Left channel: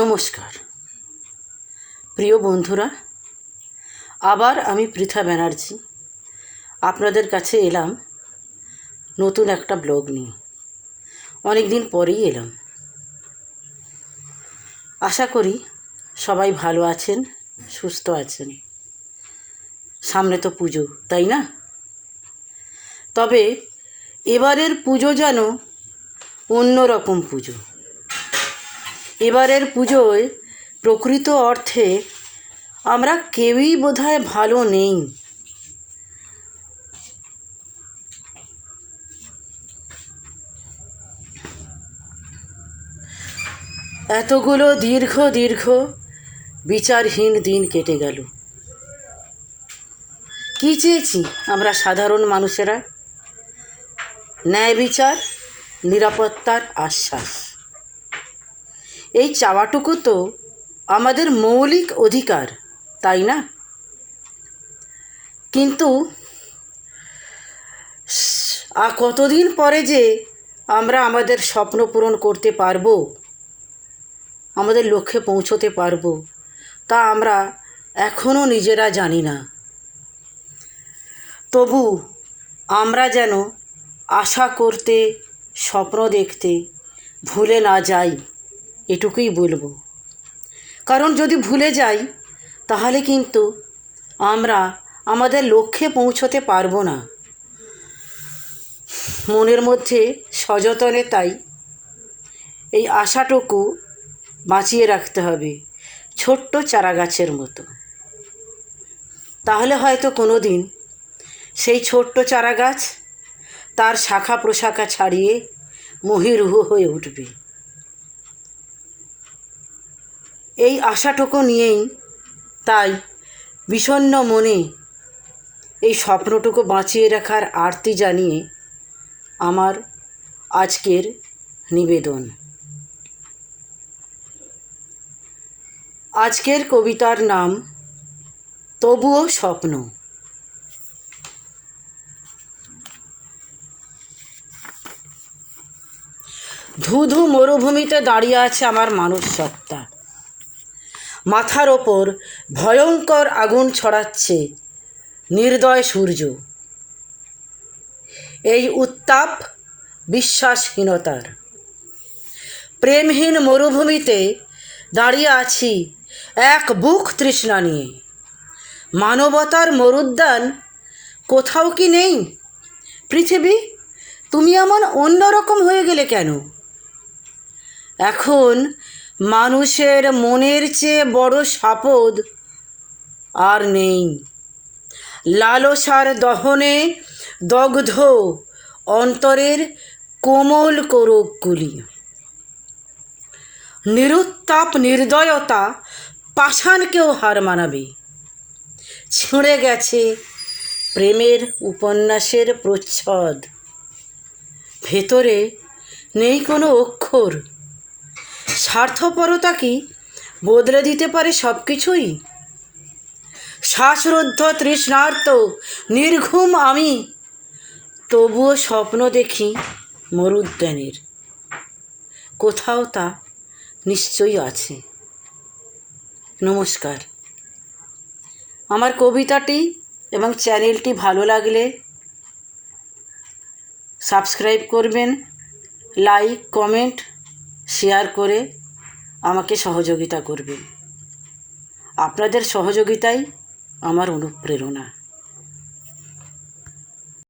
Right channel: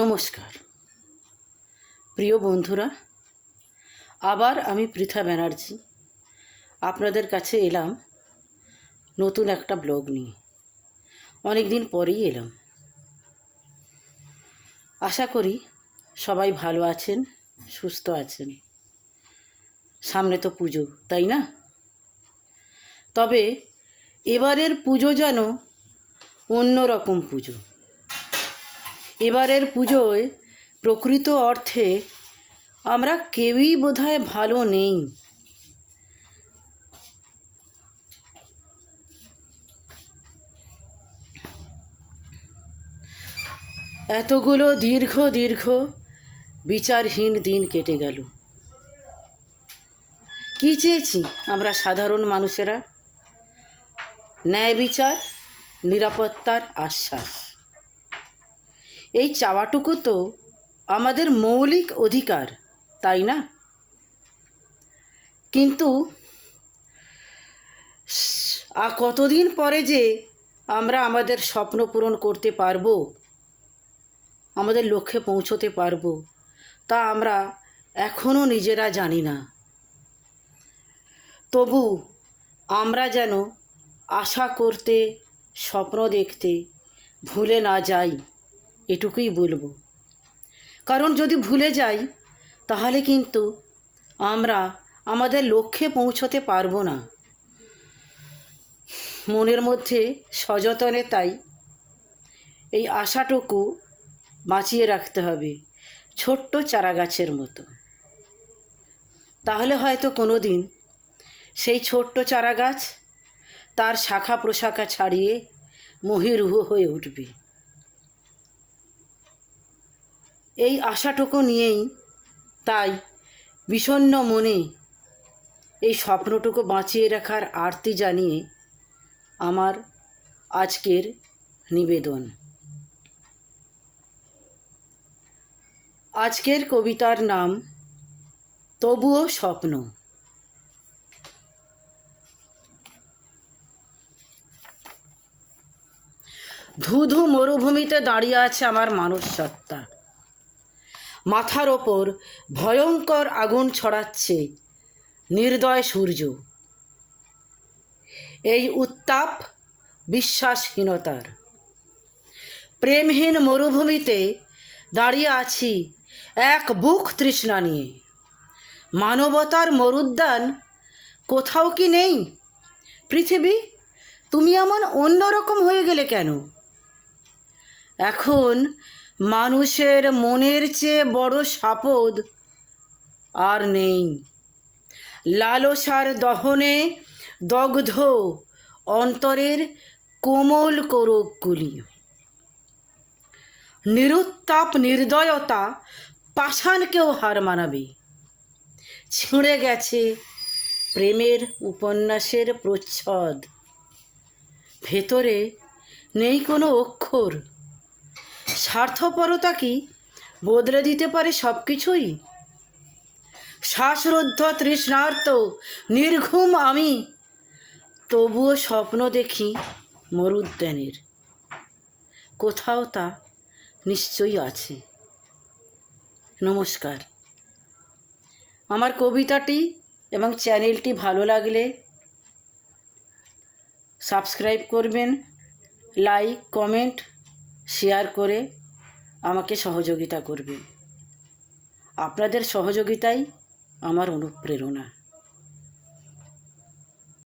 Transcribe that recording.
নমস্কার প্রিয় বন্ধুরা, আবার আমি পৃথা ব্যানার্জি আপনাদের কাছে এলাম নতুন একটা ব্লগ নিয়ে। অনেক দিন পরেই এলাম। আশা করি সবাই ভালো আছেন, সুস্থ আছেন। সামনে তো পুজো, তাই না? তবে এবারের পুজো যেন অন্যরকম পুজো। এবারের পুজোয় প্রকৃত অর্থে আমরা কেউই বোধহয় ভালো নেই। এতগুলো দীর্ঘ বিচারহীন দিন কেটে গেল। কি চেয়েছি আমরা সাধারণ মানুষেরা? ন্যায় বিচার, নিরাপত্তার আশ্বাস। এই চাওয়াটুকু তো আমাদের মৌলিক অধিকার, তাই না? কিন্তু কতদিন পরে যে আমরা আমাদের স্বপ্ন পূরণ করতে পারবো, আমাদের লক্ষ্যে পৌঁছতে পারবো, তা আমরা এখনও নিজেরা জানি না। তবু আমরা যেন আশা করতে, স্বপ্ন দেখতে ভুলে না যাই, এটুকুই বলবো। কারণ যদি ভুলে যাই তাহলে কিন্তু আমরা আমাদের লক্ষ্যে পৌঁছতে পারবো না। মনের মধ্যে সযতনে তাই এই আশাটুকু বাঁচিয়ে রাখতে হবে, ছোট্ট চারা গাছের মতো। তাহলে হয়তো কোনো দিন সেই ছোট্ট চারা গাছ তার শাখা প্রশাখা ছাড়িয়ে মহীরুহ হয়ে উঠবে। এই আশাটুকু নিয়েই তাই বিষণ্ণ মনে এই স্বপ্নটুকু বাঁচিয়ে রাখার আরতি জানিয়ে আমার আজকের নিবেদন। আজকের কবিতার নাম তবুও স্বপ্ন। ধুধু মরুভূমিতে দাঁড়িয়ে আছে আমার মানুষ সত্তা। মাথার ওপর ভয়ঙ্কর আগুন ছড়াচ্ছে নির্দয় সূর্য। এই উত্তাপ বিশ্বাসহীনতার। প্রেমহীন মরুভূমিতে দাঁড়িয়ে আছি এক বুক তৃষ্ণা নিয়ে। মানবতার মরুদ্যান কোথাও কি নেই? পৃথিবী, তুমি এমন অন্যরকম হয়ে গেলে কেন? এখন মানুষের মনের চেয়ে বড় সাপদ আর নেই। লালসার দহনে দগ্ধ অন্তরের কোমল কোরকগুলি। নিরুত্তাপ নির্দয়তা পাষাণকেও হার মানাবে। ছিঁড়ে গেছে প্রেমের উপন্যাসের প্রচ্ছদ। ভেতরে নেই কোনো অক্ষর। স্বার্থপরতা কি বদলে দিতে পারে সব কিছুই? শ্বাসরুদ্ধ তৃষ্ণার্ত নির্ঘুম আমি তবুও স্বপ্ন দেখি মরুদ্যানের। কোথাও তা নিশ্চয়ই আছে। নমস্কার। আমার কবিতাটি এবং চ্যানেলটি ভালো লাগলে সাবস্ক্রাইব করবেন, লাইক, কমেন্ট, শেয়ার করে আমাকে সহযোগিতা করবেন। আপনাদের সহযোগিতাই আমার অনুপ্রেরণা।